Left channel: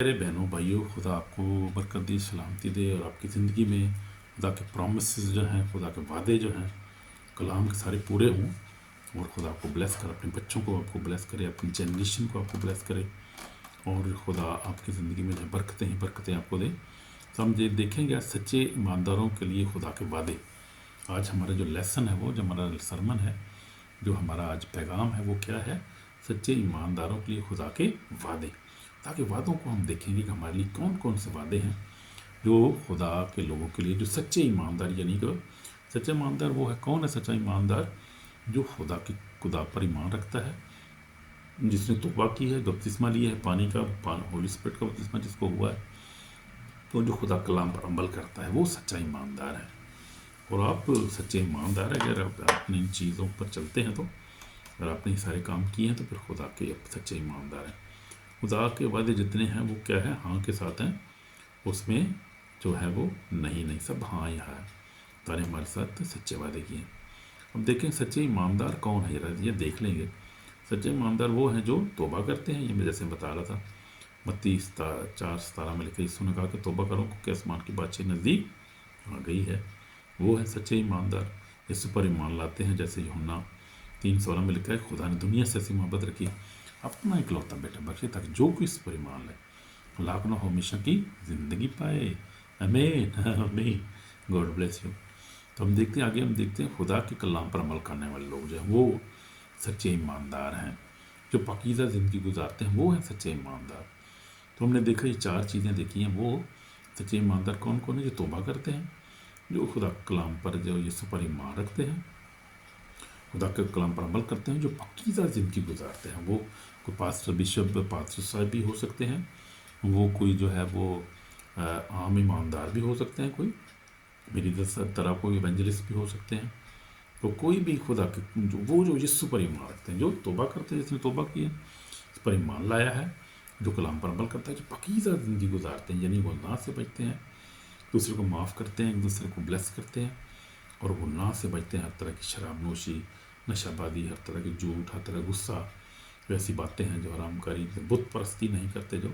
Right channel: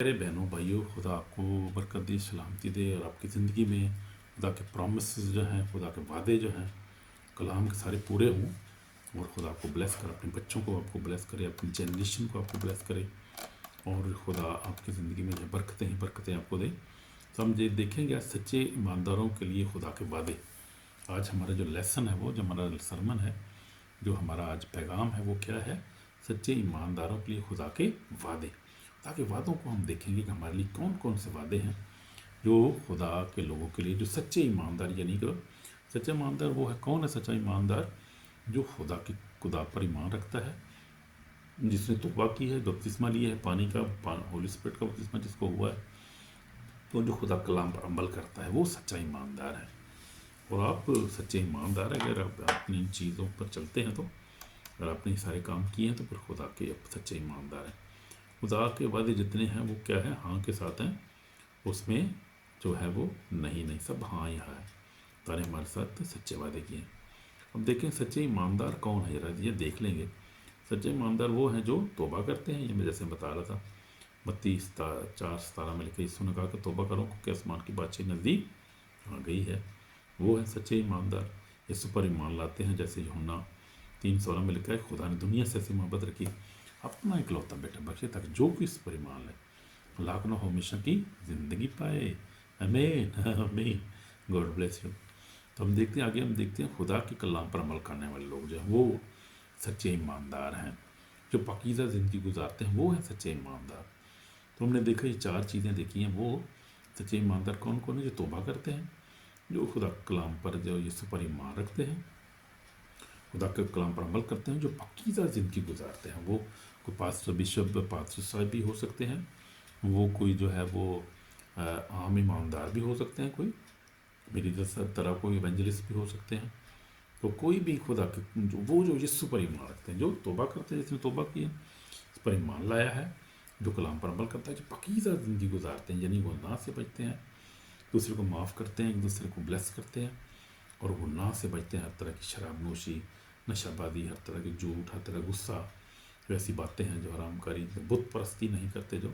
मेरे बहनों भाइयों, खुदा आपको बरकत दे, सलामती दे और आपकी ज़िंदगी में खुदा के प्रॉमिसेस जो हैं, खुदा के वादे जो हैं कलाम के सारे पूरे हों। और खुदा आपको ब्लेस करे, अपने बच्चों को आपको ब्लेस करे, अपनी जनरेशन को आपको ब्लेस करे और खुदा आपकी ज़िंदगी में जो बरकतें ही बरकतें आपको दे। तो हम देखेंगे आज सच्चे ईमानदारों के लिए खुदा के वादे। आज हमारा जो लेसन है, वो जो हमारा सरमन है, जो हमारा आज पैगाम है, वो क्या है? सच्चे ईमानदारों के लिए खुदा के वादे। ताकि वादों को हम देखेंगे कि हमारे लिए कौन कौन से वादे हैं जो खुदा के लोगों के लिए, जो सच्चे ईमानदार, यानी कि सच्चा ईमानदार वो है, कौन है सच्चा ईमानदार? जो खुदा पर ईमान रखता है, जिसने तौबा की है, बपतिस्मा लिया है पानी का, होली स्पिरिट का बपतिस्मा जिसको हुआ है, तो जो खुदा कलाम पर अमल करता है वो सच्चा ईमानदार है। और आप सच्चे ईमानदार है अगर आप अपनी इन चीज़ों पर चलते हैं, तो अगर आपने सारे काम किए हैं तो फिर खुदा के सच्चे ईमानदार हैं। खुदा के वादे जितने हैं वो क्या है? हाँ के साथ हैं, उसमें जो है वो नहीं नहीं, सब हाँ ही है। तारे हमारे साथ सच्चे वादे किए। अब देखें सच्चे ईमानदार कौन है, जरा ये देख लेंगे। सच्चे ईमानदार वो हैं जो तौबा करते हैं। ये मैं जैसे बता रहा था, मत्ती 4:17 में लिखा, यीशु ने कहा कि तौबा करो क्योंकि आसमान की बादशाही नज़दीक आ गई है। वो है सच्चे ईमानदार। यीशु पर ईमान लाते हैं, जैसे यूहन्ना 3:16 में लिखा है, खुदा ने दुनिया से ऐसी मोहब्बत रखी, अपना इकलौता बेटा बख्शे ताकि जो कोई इस पर ईमान ले लाख न हमेशा की ज़िंदगी पाए। आमीन आमीन, गॉड ब्लेस यू। तो हम देखते हैं आगे, हम देखते हैं खुदा के कलाम पर अमल करने वाले लोग जो हैं वो सच्चे ईमानदार हैं। जो पाकीज़ा ज़िंदगी गुजारते हैं वो हैं सच्चे ईमानदार। तो हमने देखा ये 4 चीज़ें देखी हैं। वो सच्चे ईमानदार कौन कौन है? जो तौबा करते हैं, जो खुदा कलाम पर, जो यीशु पर ईमान रखते हैं, खुदा के कलाम पर अमल करते हैं, जो पाकीज़ा ज़िंदगी गुजारते हैं। वो कोई पास्टर, बिशप, पास्टर साहब भी हो सकते हैं, वो कोई जो है वो आम ईमानदार भी हो सकते हैं, कोई मेरी तरह कोई एवेंजलिस्ट भी हो सकते हैं। तो कोई भी खुदा के जो यीशु पर ईमान रखते हैं, जो तौबा करते हैं, जिसने तौबा किया, इस पर ईमान लाया है, जो कलाम पर अमल करता है, जो पाकीज़ा ज़िंदगी गुजारते हैं, यानी गुनाह से बचते हैं, दूसरे को माफ़ करते हैं, एक दूसरे को ब्लेस करते हैं और गुनाह से बचते हैं। हर तरह की शराब नोशी, नशाबादी, हर तरह की झूठ, हर तरह गुस्सा, जो ऐसी बातें हैं जो हरामकारी, बुत परस्ती नहीं करते, जो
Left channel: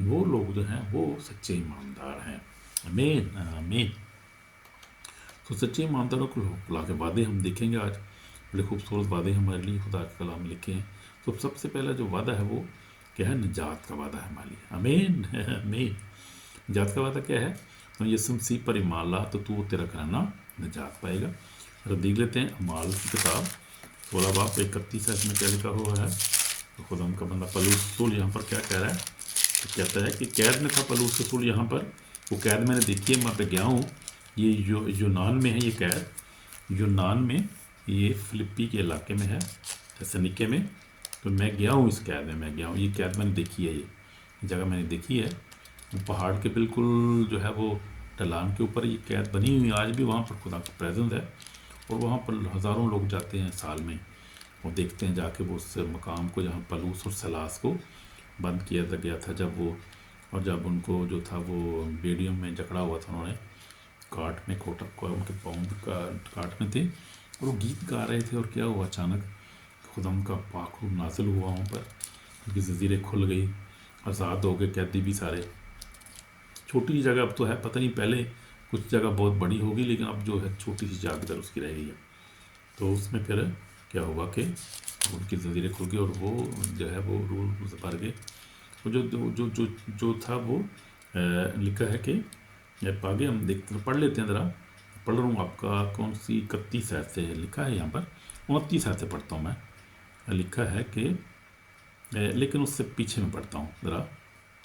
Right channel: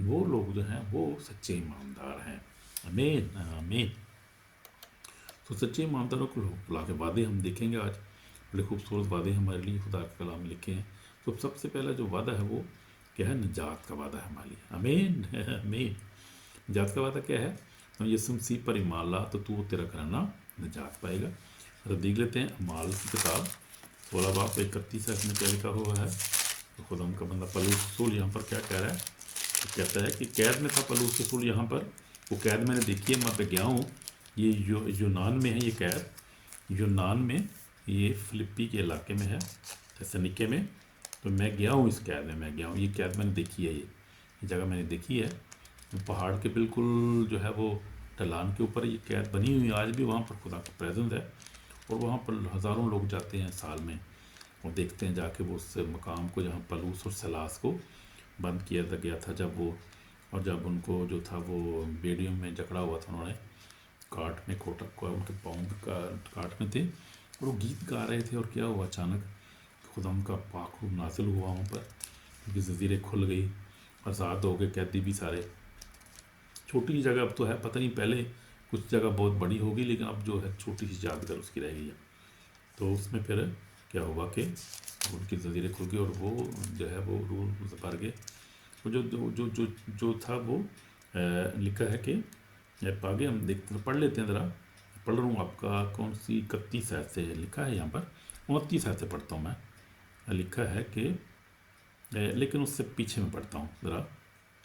वो लोग जो हैं वो सच्चे ईमानदार हैं। आमीन आमीन। तो सच्चे ईमानदारों को खुदा के वादे हम देखेंगे आज। बड़े खूबसूरत वादे हमारे लिए खुदा के कलाम लिखे हैं। तो सबसे पहला जो वादा है वो क्या है? निजात का वादा है हमारे लिए। आमीन आमीन। निजात का वादा क्या है? तो यीशु मसीह पर ईमान ला तो तू तेरा कराना निजात पाएगा। तो देख लेते हैं अमाल की किताब 16 बाब 31 इसमें क्या लिखा हुआ है। तो खुदा का बंदा पलूस रसूल यहाँ पर क्या कह रहा है? तो कहता है कि कैद में था पलूस रसूल यहाँ पर। वो कैद मैंने देखी है, मैं पे गया हूँ। ये यूनान में है, ये कैद यूनान में, ये फिलिप्पी के इलाके में है, थेसलोनिके में। तो मैं गया हूँ इस कैद में, मैं गया हूँ, ये कैद मैंने देखी है, ये जगह मैंने देखी है। पहाड़ के बिल्कुल जो है वो ढलान के ऊपर ये कैद बनी हुई है। आज भी वहाँ पर खुदा का प्रेजेंस है और वहाँ पर हज़ारों लोग जाते हैं साल में, वो देखते हैं जाके वो उस मकाम को जहाँ पलूस और सलास को बंद किया गया था, जब वो, और जब उनको जो था वो बेड़ियों में जकड़ा हुआ था, उन्होंने काट में कोटक को उनके पाँव का काट में थे और वो गीत गा रहे थे। और क्या हुआ? अचानक खुदा का पाक रूह नाजिल हुआ वहाँ पर, उनकी ज़ंजीरें खुल गई, आज़ाद हो गए कैदी भी सारे। छोटी जगह अब तो है, पता नहीं पहले कुछ जगह बहुत बड़ी होगी, लेकिन अब जो है छोटी सी यादगार उसकी रह गई है। तो उसमें फिर क्या हुआ कि उनकी ज़ंजीरें खुल गई और वो जो है वो रूल भर गए। तो जो था वो लिखा है कि आगे हम देखते पढ़ लेते हैं ज़रा। पढ़ रहा हूँ आपका कौन सी 31 आयत से लिखा है यहाँ पर, 29 आयत से पढ़ता हूँ मैं। लिखा है कि लेकिन उससे पीछे में पढ़ता हूँ ज़रा,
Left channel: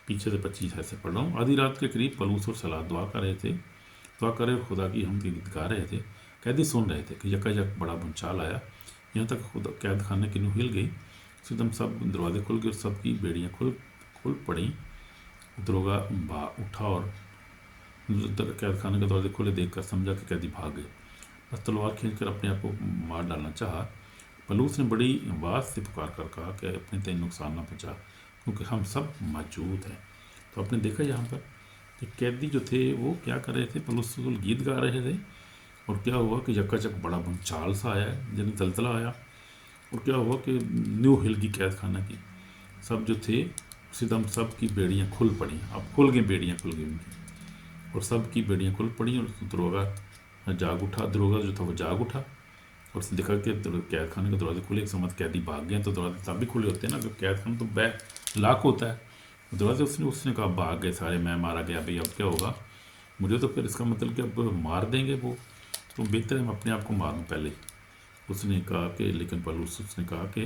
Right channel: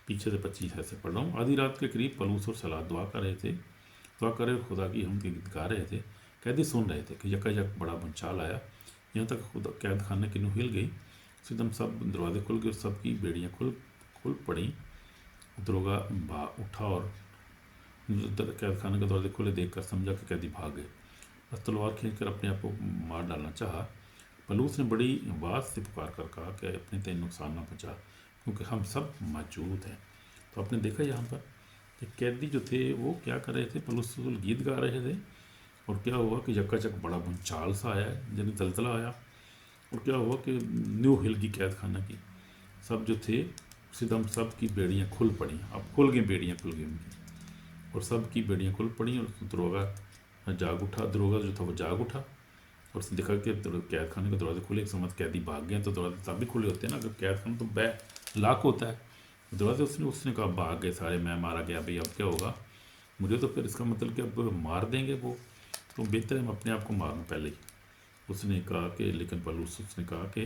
पीछे से 25 आयत से पढ़ रहा हूँ। आधी रात के करीब पलूस और सलाह दुआ कर रहे थे, दुआ कर रहे और खुदा की हम गीत गा रहे थे। कैदी सुन रहे थे कि यकायक बड़ा भूचाल आया, यहाँ तक खुदा कैद खाने की नुह हिल गई। एकदम सब दरवाजे खुल गए और सबकी बेड़ियाँ खुल पड़ी। दरोगा उठा और कैद खाने के दरवाजे खुले देखकर समझा कि कैदी भाग गए। बस तलवार खींचकर अपने आप को मार डालना चाहा। पलूस ने बड़ी आवाज़ से पुकार कर कहा कि अपने तेन नुकसान ना पहुँचा, क्योंकि हम सब मौजूद हैं। तो आपने देखा यहाँ पर कि कैदी जो थे वो क्या कर रहे थे? पलूस गीत गा रहे थे। और क्या हुआ कि यकायक बड़ा भूचाल सा आया, यानी जलजला आया। और क्या हुआ कि न्यू हिल की कैद खाना की सब जो थे सितम सब की बेड़ियाँ खुल पड़ी, अब खुल गई बेड़ियाँ, खुल गई उनकी, और सब की बेड़ियाँ खुल पड़ी। और दरोगा जाग उठा, दरोगा जो था वो जाग उठा, और उसने देखा कि कैद खाने के दरवाजे खुले, एक समझ कैदी भाग गए, तो दरवाजे तब भी खुले होते हैं ना, क्योंकि कैद खाना तो लाक होता है दरवाजे। उसने उसने कहा भाग गए सारे, मैं मारा गया, भाई अब क्या होगा मुझे, तो फिर इसका मतलब कि अब मार देंगे वो, तो बेहतर है मैं अपने आप को मारूं पहले। उसने कहा कि, लेकिन पलूस उसने कहा कि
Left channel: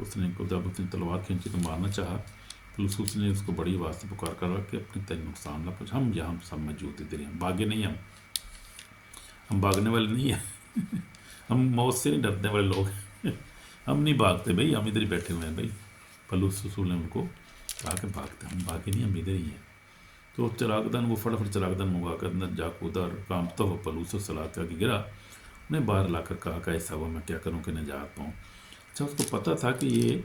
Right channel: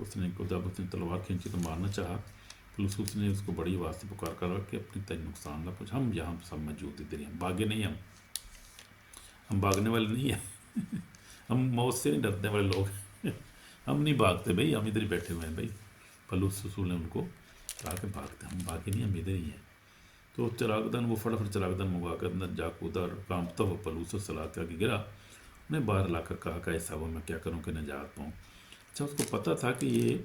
उसने जब उसने तलवार खींची तो मारना चाहा, पलूस ने उसको बड़ी आवाज़ से पुकार कर कि अपने तय नुकसान ना पहुँच, हम यहाँ सब मौजूद ही तेरे, भागे नहीं, हम भागने वाले नहीं हैं हम मौत से नहीं डरने वाले लोग हम नहीं भागते भाई, हम इधर ही बैठे हुए हैं भाई। पलूस ने उनको कहा कि भागते, हम भागे नहीं, हम इधर ही हैं। तो चिरागदान वो फटाफट चिरागदान मंगा कर अंदर जा कूदा, और कांपता हुआ पलूस सलाह के आगे गिरा। उन्हें बाहर लाकर कहा कि ऐसा हुआ, मैं क्या करूं कि निजात पाऊँ। अच्छा, उसको पता था कि ये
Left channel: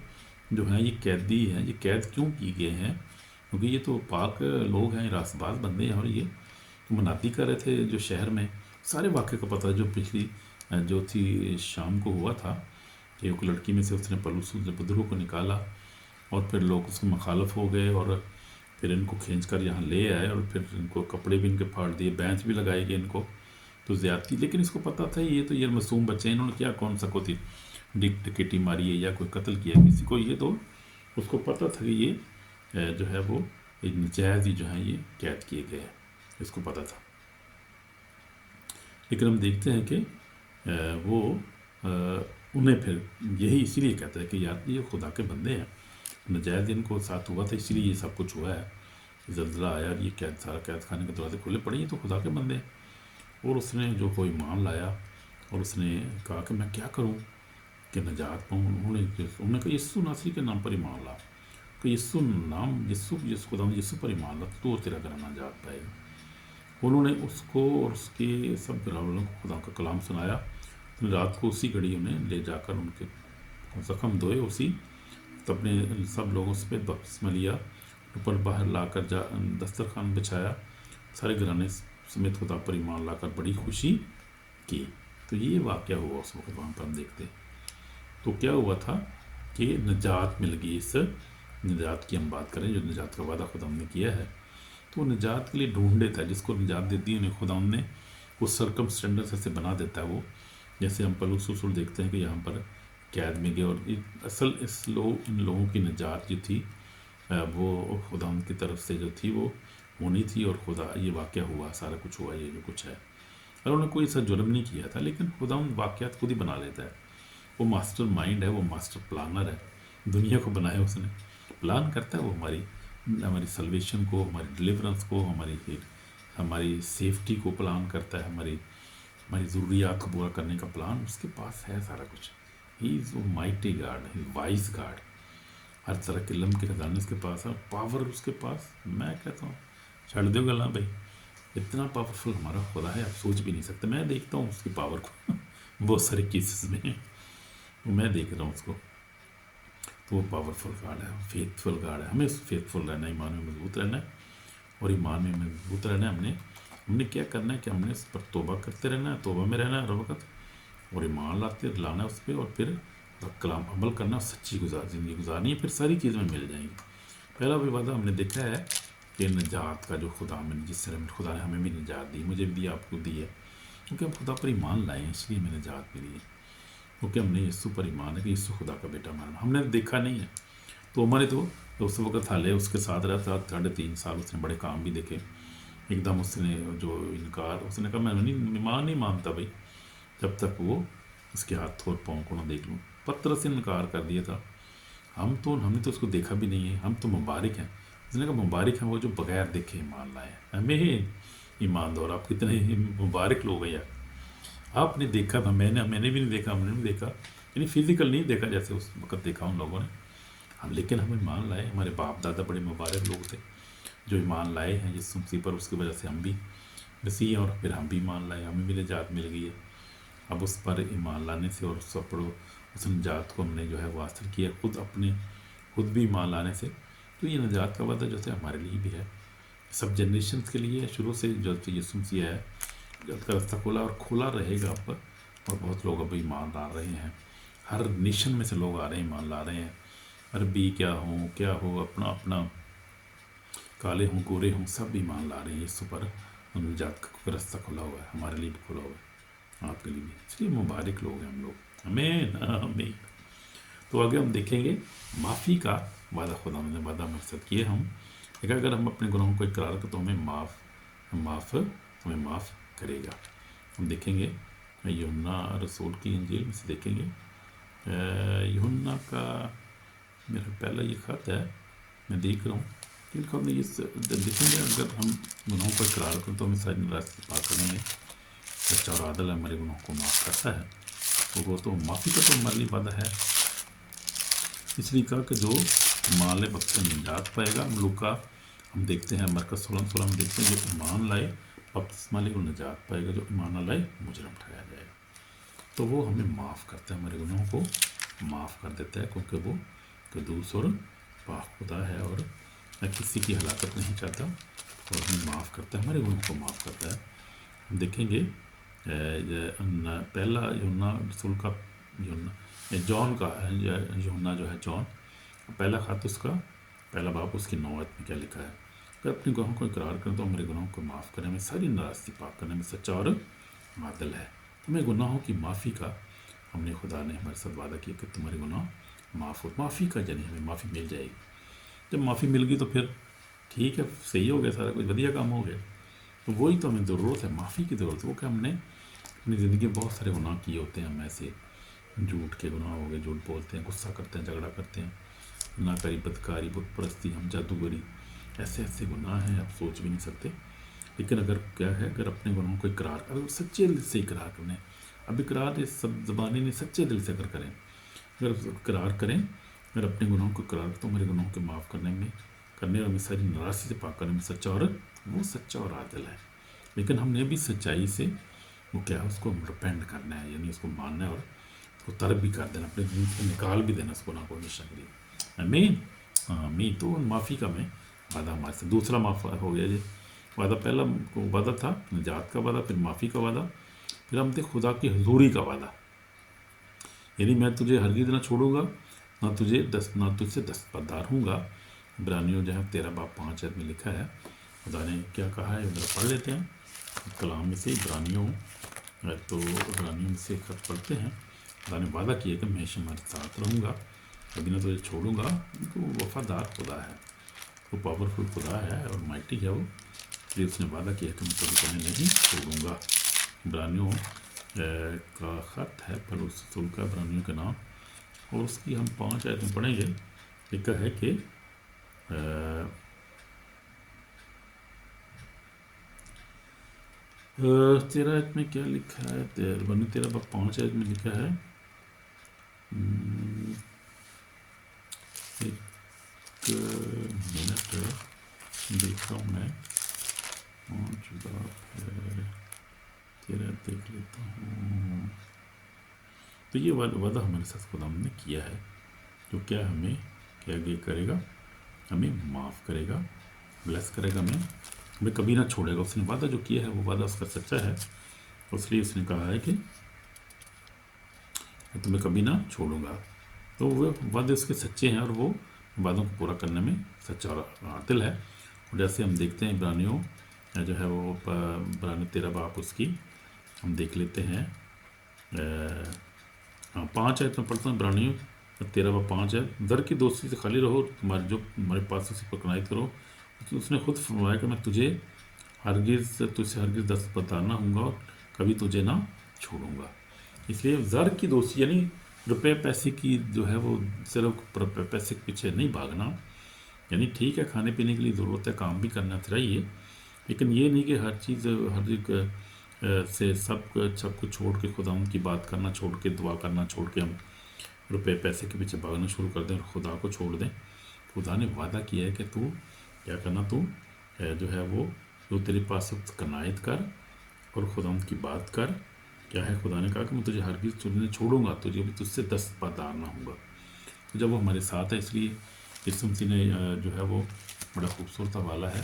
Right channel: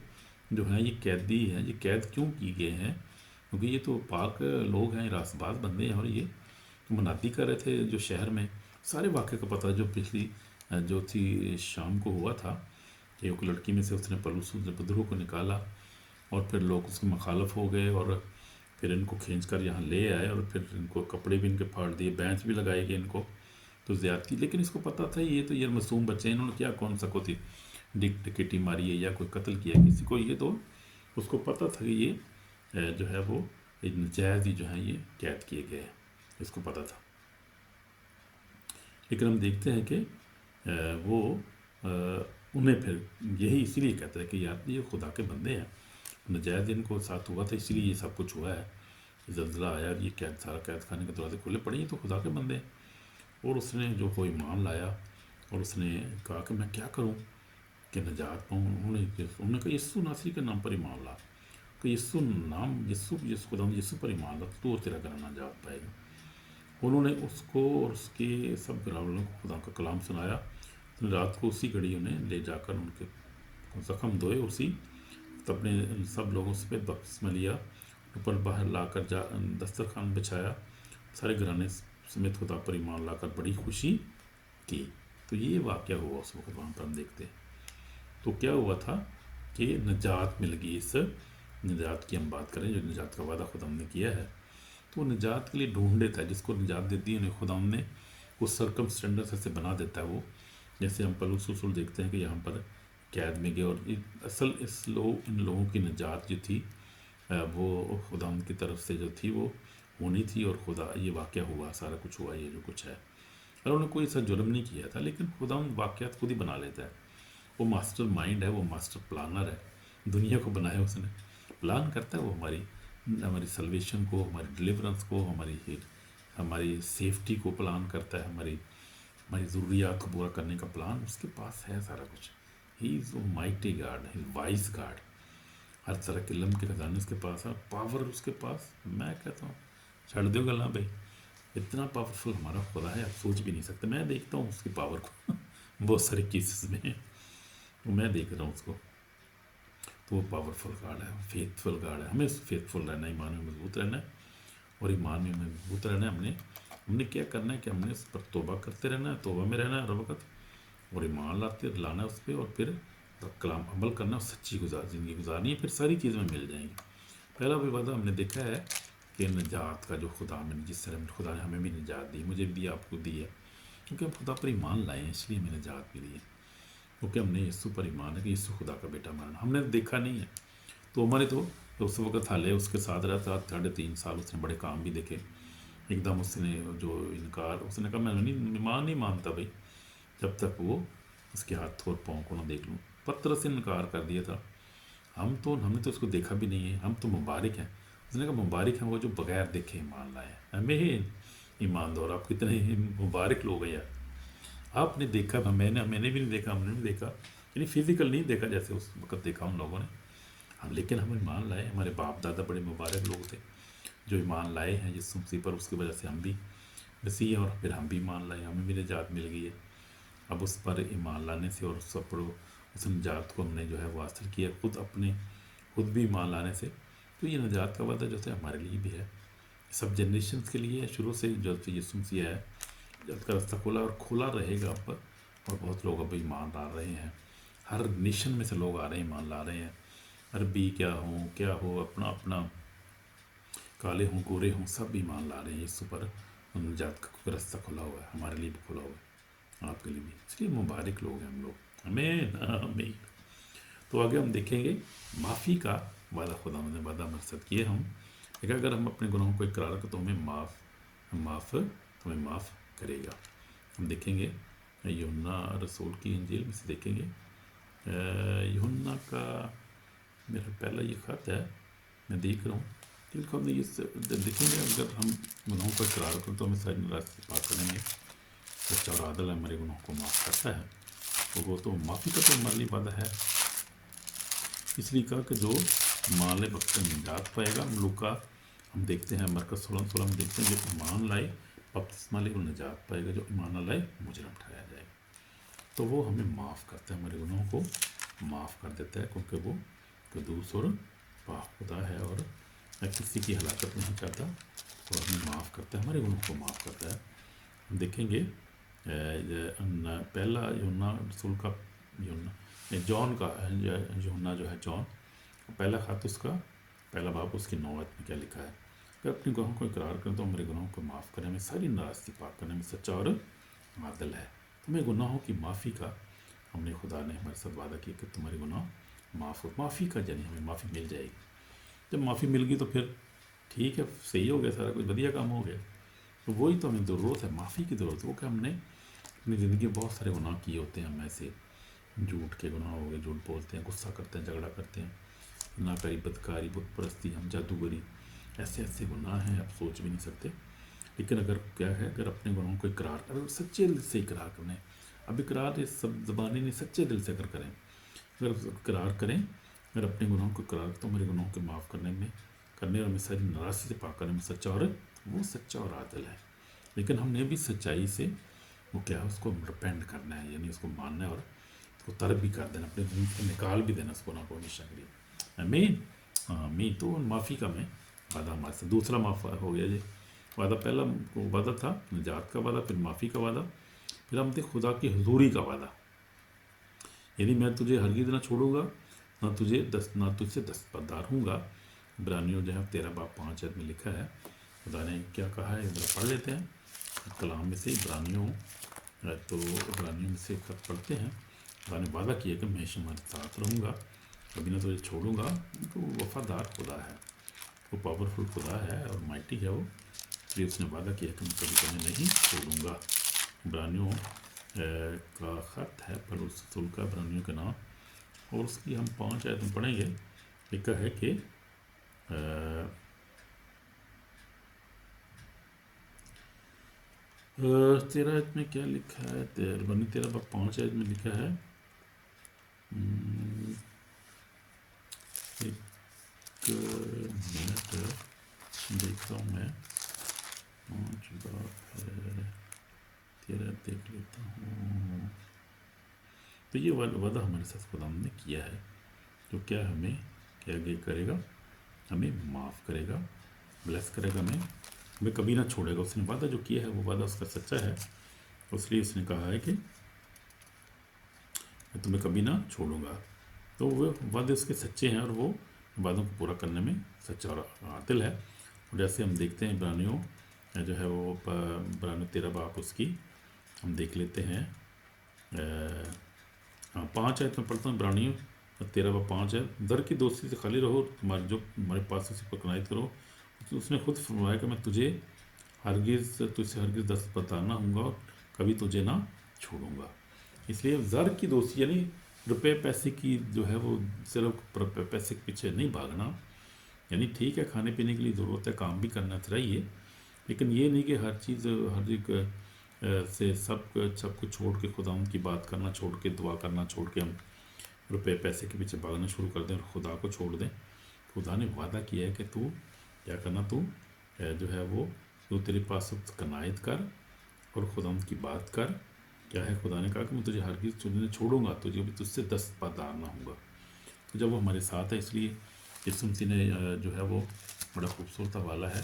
जो हैं ये कैदी हैं, ये कैद क्यों की गए हैं, क्योंकि ये तो पाक लोग हैं, रासबाज बंदे हैं, और ये मनाती कर रहे थे जो शहर में। सारे वाक़े का पता जो पिछली जो थी शाम को हुआ था, एक लड़की में से उसने पलूस बदरू को निकाला, और फिर लोग उसके मुखालफ हो गए, और फिर इनको खींच कर यहाँ ले आए, और फिर इनको कपड़े भी इनके फाड़ दिए, बेंच भी लगाई गई इनको, तो ज़्यादती। लेकिन इसको पता था ये तो ये मासूम बच्चे, इन्होंने क्या कौन सा को थी टिकटी मारी है या कोई कत्ल किया किसी को, ये तो उसको पता था कि ये जो है वो नजायज़ ही जो है ये कैद किए गए हैं, इसको पता था। लेकिन हम देखते हैं कि वो उन्हें फिर यही इसीलिए कहता है कि यार ये खुदा के बंदे हैं, नजायज़ इनको साथ हुआ था, इसीलिए ये सब कुछ हुआ है, ज़ल्ज़ला आया, ये कैद सारा कैद खाने के दरवाजे खुले पड़े, तो खुदा के बंदे। और उसने जो कोई ईमान लाया, और उसने कहा कि मैं क्या करूं कि नजात पाऊँ। उन्होंने कहा यीशु नासरी के नाम पर ईमान ला, कि यीशु नाम यीशु खुदा यीशु पर ईमान ला तो तेरा घर नजात पाएगा। उन्होंने उसको और उसके सब घरवालों को खुदा का कलाम सुनाया। रात को उसी घड़ी में ले जाकर उनके ज़ख्म धोए, उसी अपने सब लोगों से बपतिस्मा लिया, ऊपर बाहर लाकर दस्तरखान बिछाया, सारे घराने समेत खुदा पर ईमान लाकर बड़ी खुशी की। तो ये वाक़या हुआ उस वक्त वहाँ पर हम देखते। तो क्या हुआ था कि निजात मिल गई। इस निजात की हम बात करें, जो निजात का वादा खुदा ने किया है, तो निजात के लिए ढूंढे था, जिसको निजात देती है उन्हें खुदा ने उस सरकमस्टेंसेस ऐसे बना देता है वो। जैसे हम पलूस रसूल देखते हैं कि यहाँ पर कैद में गए, और असल इन लोगों की निजात जो थी वो खुदा की तरफ से जो थी वो होनी थी, और खुदा ये वाक़या हुआ, सारा कुछ हुआ, ये जो कुछ है। और उन्होंने कोई ऐसा जुर्म नहीं किया था, लेकिन खुदा वाक़यात खुद ही बना लेता है। वो मास्टर माइंड है, वो मास्टर प्लानर है, दुनिया को बनाया उसने, प्लान करता है वो हमारी सल्वेशन को, हमारी डिलीवरेंस को, हमारी सेफ्टी को प्लान करता है, हमारी ज़रूरियात को पूरा करने का प्लान उसके पास है सारा कुछ। He is mighty God, wise God, हर तरह के इल्म के खजाने उसके पास है, पावर उसके पास। मैं कहता हूँ छड़ दो गला भाई, इतना पावरफुल हमारा खुदा है, आप सोच भी नहीं सकते। मैं देखता हूँ उसकी पावर को बहुत सारे केसेस में, वो मैं देख रहा हूँ उसको, तो वो पावरफुल गार्ड है, फेथफुल गार्ड है। हमें फेथफुल रहना है, ईमान में मजबूत रहना है, और ईमान में मजबूत रहना है। हमने क्या करना है कि हमने इस पर तोबा करते रहना है, तोबा में रहना है हर वक्त, और ईमान लाना है उस पर, और फिर कलाम अमल करना, सच्ची ज़िंदगी गुजारनी है, फिर सारी चीज़ें मिल जाएंगी। पहला भी वादा हमने देखा है कि निजात का जो खुदा में, जिससे खुदा ने हमें भी निजात दी, मुझे भी आपको दी है, क्योंकि हम खुदा पर ईमान लाए हैं, इसलिए हमें निजात मिली है, क्योंकि हमने यीशु पर ईमान है कि यीशु खुदा का बेटा माना। हमने देखा नहीं है, तो हमारे तो उस वक्त हाले उसके साथ रहा था 3.5 साल, उसने बड़े काम भी देखे। एकदम उसने जो इनकार, उसने कहा मैं ईमान नहीं मानता भाई जब तक वो उसके हाथ थोड़ पाँव को ना देख लूँ। पत्थर से इनकार कर दिया था। हमने तो उसको देखा भी नहीं है, हम तो मुबारक हैं। उसने कहा मुबारक हैं वो जो बगैर देखे ईमान लाए, हमें ही ईमानदार। आप कितने मुबारक लोग हैं यार, आपने देखा था, मैंने भी नहीं देखा, हमने नहीं देखा, यानी फिजिकल नहीं देखा जैसे उस वक्त देखा उन लोगों ने हम, लेकिन हम ईमान लाए। हमारे बाप दादा बड़े मुबारक लोग थे जो ईमान लाए हैं जिस मसीह पर, उसकी वजह से हम भी मसीह, और फिर हम भी ईमान लाए, हमें भी निजात मिल गई है। अब उस पर ईमान लाने से और उस निजात को हमने जो है वो हासिल किया खुद भी ईमान लाने से। तो ये निजात का वादा जो है हमारे लिए भी है, सब जनरेशन के लिए है। शुरू से जो यीशु मसीह है का रास्ता खोला और खुला रहेगा अब, और बहुत लोग अब ईमान ला रहे हैं, हर नेशन में से लोग आ रहे हैं, ईमान ला रहे हैं। अरबी क्या हो, अपना अपना काले हों गोरे हों, सब ईमान ला रहे हैं यीशु पर। निजात का रास्ता खुला हुआ है, हमारे लिए भी खुला हुआ है, आपके लिए भी। इसलिए मुबारक लोग हैं हम लोग, हमें हमें। तो आगे हम देखेंगे माफ़ी का वादा। खुदा ने वादा हमारे साथ किए हम कि अगर हम अपने गुनाहों को इकरार करें तो हमें माफ़ करेगा। हम देखेंगे यूहन्ना रसूल की इंजील में से देखेंगे, यूहन्ना का मेरा पहला ये ख़त है, मैं देख रहा हूँ। क्योंकि हम ये देखेंगे अगर हम गुनाहों को इकरार करें तो हमें सारी नाराज़गी पार करने में सच्चा और आदल हमारे गुनाहों को माफ़ करता है। तो वो तो माफ़ी का तो हमारे लिए वादा है। इसलिए कहा कि जो मान ले वक्त में निजात पाएगा। लूका हम देखते हैं मरकज़ 16 में देखते हैं, जो ईमान लाए बपतिस्मा ले वो निजात पाएगा, जो ईमान न लाए मुजरम ठहराया जाएगा। तो वो हमें माफ़ करता है, हमारे गुनाहों को माफ़ कर देता है, क्योंकि वो कदूस और पाक खुदा है और किसी की हलाकत नहीं चाहता और हमें माफ़ करता है, हमारे गुनाहों को माफ़ करता है। हम देखेंगे पहला यूहन्ना रसूल का जॉन का यूहन्ना जो है जॉन, पहला ख़त उसका पहला बाब उसकी 9 आयत में क्या लिखा है, अगर अपने गुनाहों को इकरार करें तो हमारे गुनाहों को माफ़ करने में, सारी नाराज़गी पाक करने में सच्चा और आदिल है। हमें गुनाहों की माफ़ी का हमने खुदा ने हमारे साथ वादा किया कि तुम्हारे गुनाह माफ़ हो। माफ़ी का जरिए हमें माफ़ी मिल जाएगी। जब माफ़ी मिल गई तो फिर ठीक है, सही हो गया, सारा कुछ बढ़िया काम हो गया। तो वही तो हमें ज़रूरत है, माफ़ी की ज़रूरत है। वो कि हमने अपनी ज़िंदगी में बहुत सारे गुनाह किए होते हैं। हम ऐसे झूठ के गुनाह हो गए, झूठ बोलते हैं, गुस्सा करते हैं, झगड़ा करते हैं, नाकारी, बदकारी, बुत परस्ती, हम जादूगरी, ऐसे ऐसे गुनाह हैं आप सोच भी नहीं सकते। लेकिन अगर क्या है, अगर अपने गुनाहों को इकरार करें, सच्चे दिल से इकरार करना है। अब इकरार सब ज़बानी नहीं, सच्चे दिल से अगर करें, अगर इकरार करें, अगर अपने गुनाहों को इकरार तो हमारे गुनाहों को माफ़ करने और हमें सारी नाराज़गी से पाक करने में सच्चा और आदिल है। लेकिन हमने भी सच्चाई से वो क्या है, उसको रिपेंट करना है, यानी उसको मानना है और उसको तर्क भी कर देना, अपने दिल से निकाल भी देना उस गुनाह को हमेशा के लिए। आमीन। तो माफ़ी का मैं वादा हमारे से दूसरा माफ़ हो गया जी। वादा पहला वादा था निजात का वादा, फिर माफ़ी का वादा, फिर हम थे खुदा की हुजूरी का वादा, यानी मैं तुझे हरगिज़ ना छोड़ूंगा, ना तुझसे दस्तबरदार हूँगा। इब्रानियों जो है 13 बाब 5 में लिखा है। खुदा ने क्या कहा है, उधर पढ़ लेते हैं कलाम में से इब्रानियों। तो इब्रानियों से खत पढ़ते हैं। खुदा ने वादा किया कि मैं हमेशा तुम्हारे साथ रहूँगा, कभी ना तुझे छोड़ूंगा। तो वफादार खुदा है, वो पावरफुल खुदा है और माइटी है वो, इसलिए उसने वादा किया कि मैं कभी नहीं छोड़ूंगा। इब्रानियों का ख़त है पौलुस रसूल का, इब्रानियों के नाम, और उसकी हम 5 आयत में पढ़ेंगे। लिखा है कि 13 आयत में क्या लिखा है, 13 बाब 5 आयत में लिखा है, एक मिनट देखता हूँ मैं, 5 बाब 13 देख लेता हूँ। तो ये वादा हमारे साथ खुदा ने किया है, तो क्या हमें क्या करेगा, हमें माफ़ करेगा, ब्लेस करेगा, हमें कभी ना छोड़ेगा। उसने वादा जो किया है वो वादा उसका सच्चा है, इसलिए उसने कहा है कि मैं तुम्हें कभी ना छोड़ूंगा। तो वो वादे उसके सच्चे हैं और वो वादों को पूरा करने में सच्चा और आदिल है। और जैसे हम देखते हैं इब्रानियों जो है वो इब्रानियों 13 बाब उसकी हम देख लेते हैं, 5 आयत में पढ़ता हूँ। इब्रानियों 13 बाब 5 है, दर की दोस्ती से खाली रहो, तुम्हारे पास उसी पर कनाइत करो। तो उसने खुद फरमाया कि मैं तुझसे हरगिज़ दस्तबरदार ना हूँगा और कभी तुझे ना छोड़ूंगा। इसलिए ज़र की दोस्ती यानी रुपए पैसे की जो है वो सिर्फ पैसे के पीछे नहीं भागना, यानी ठीक है खाने पीने के लिए ज़रूरत है, काम भी करना चाहिए, लेकिन ये नहीं कि हर चीज़ हर एक से सब कुछ छोड़ के खुदा की बात करना छोड़ के, दुआ करना छोड़ के हम रुपए पैसे के पीछे भागना शुरू कर दें और खुदा को छोड़ दें। खुदा ने वादा किया है कि तू क्या करना, तू जो है वो जो तेरे पास कनायत कर और खुदा की बात कर। क्या है, खुदा ने कहा कि मैं तुझे हरगिज़ तुझे छोड़ूंगा, तुझे भी तुझसे दस्तबरदार ना हूँगा। तो जब वो हमारे साथ है, इसलिए यीशु मसीह ने जो है वो बड़ा खूबसूरत हवाला है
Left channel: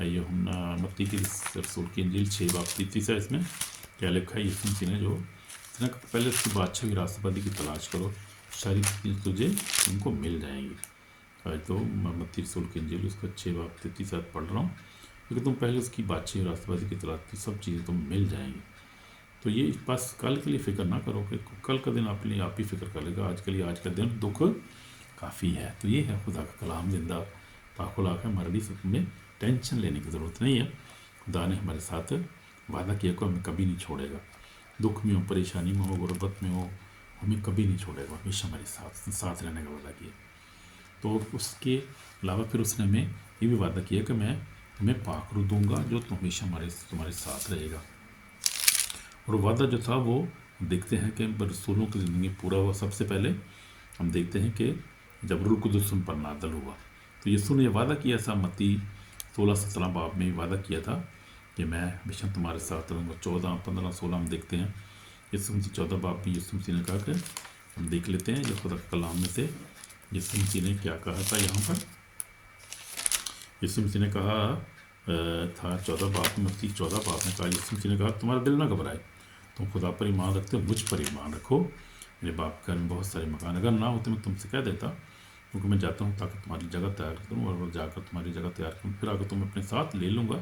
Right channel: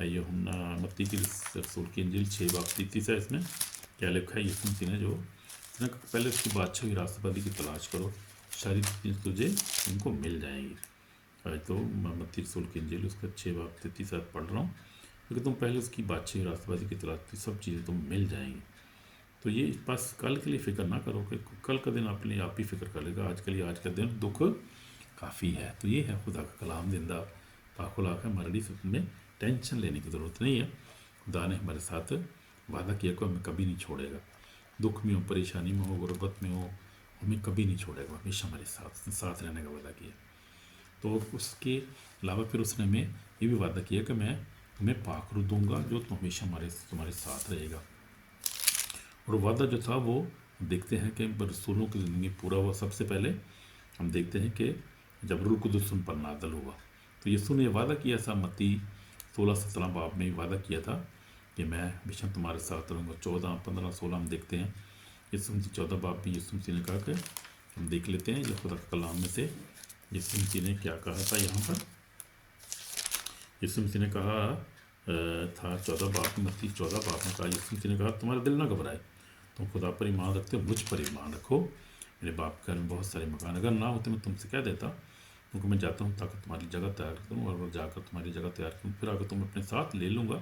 ये हम मत्ती की रसूल की इंजील 6 बाब 33 है। इसमें क्या लिखा है, यीशु मसीह ने जो पहले उसकी बादशाही राष्ट्रपति की तलाश करो सारी चीज़ तुझे तुमको मिल जाएंगी। तो मत्ती रसूल की इंजील उसका 6 बाब 33 आयत पढ़ रहा हूँ, क्योंकि तुम पहले उसकी बातचीत राष्ट्रवादी की तलाश की, सब चीज़ें तुम मिल जाएंगी। तो ये बस कल के लिए फ़िक्र ना करो कि कल का दिन आप लिए आप ही फ़िक्र करेगा, आज के लिए आज का दिन दुख काफ़ी है। तो ये है खुदा का कलाम जिंदा पाकुला का मरड़ी से तुम्हें टेंशन लेने की ज़रूरत नहीं है। खुदा ने हमारे साथ वादा किया को हमें कभी नहीं छोड़ेगा, दुख में हो, परेशानी में हो, गुर्बत में हो, हमें कभी नहीं छोड़ेगा, हमेशा हमारे साथ रहने का वादा किया। तो उसके अलावा फिर उसने हमें ये भी वादा किया कि मैं तुम्हें पाखरू दूंगा जो हमेशा तुम्हारे साथ रहेगा। और वादा जो था वो देखते हैं कि रसूलों की ज़िंदगी पूरा हुआ। सबसे पहले हम देखते हैं कि जब रूह कुदुस उन पर नाज़िल हुआ, तो यीशु ने वादा किया था, मत्ती 16-17 बाब में वादा किया था कि मैं हमेशा तुम्हारे साथ रहूँगा। 14, 15, 16 हम देखते हैं। यीशु मसीह 14 बाब भी यीशु मसीह ने कहा कि हम देख लेते हैं, ये खुदा के कलाम में से यीशु मसीह ने क्या कहा था। यहाँ पर यीशु मसीह ने कहा था 14 बाब में, मत्ती 14 बाब में कहा, यीशु मसीह ने कहा तुम्हारा दिल ना घबराए, तुम खुदा पर ईमान रखते हो, मुझ पर ईमान रखो। मेरे बाप के घर में बहुत सारे मकान, अगर ना हो तो मैं तुमसे कह देता, क्योंकि मैं जाता हूँ ताकि तुम्हारी जगह तैयार कर दूँ, और जाकर तुम्हारी जगह तैयार करूँ, फिर आकर तुम अपने साथ ले लूँगा,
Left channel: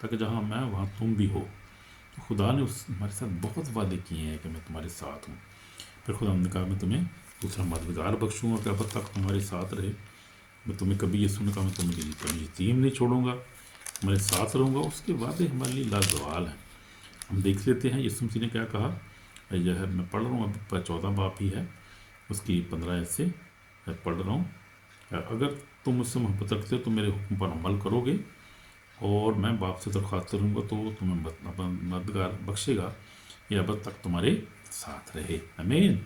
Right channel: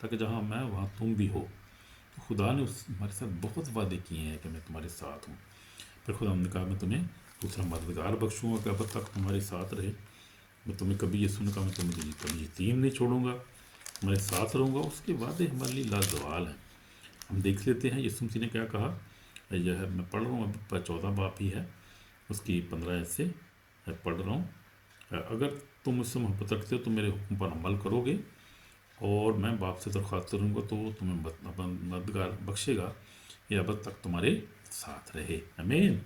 ताकि जहाँ मैं वहाँ तुम भी हो। तो खुदा ने हमारे साथ बहुत वादे किए हैं कि मैं तुम्हारे साथ हूँ। फिर खुदा ने कहा मैं तुम्हें दूसरा मददगार बख्शूँगा कि अब तक तुम्हारे साथ रहे। मैं तुम्हें कभी यीशु ने कहा मैं तुम्हें कभी यतीम नहीं छोड़ूंगा, तुम्हारे साथ रहूँगा। उसके वादे हमारे लिए लाजवाल हैं। हम देख लेते हैं यीशु मसीह ने क्या कहा। जो है मैं पढ़ रहा हूँ, अब 14 बाब ही है, उसकी 15 से पढ़ रहा हूँ। अगर तुम मुझसे मोहब्बत रखते हो तो मेरे हुक्म पर अमल करोगे, और मैं बाप से दरख्वास्त करूँगा तो तुम्हें मददगार बख्शेगा, ये अब तक तुम्हारे साथ रहे। आमीन।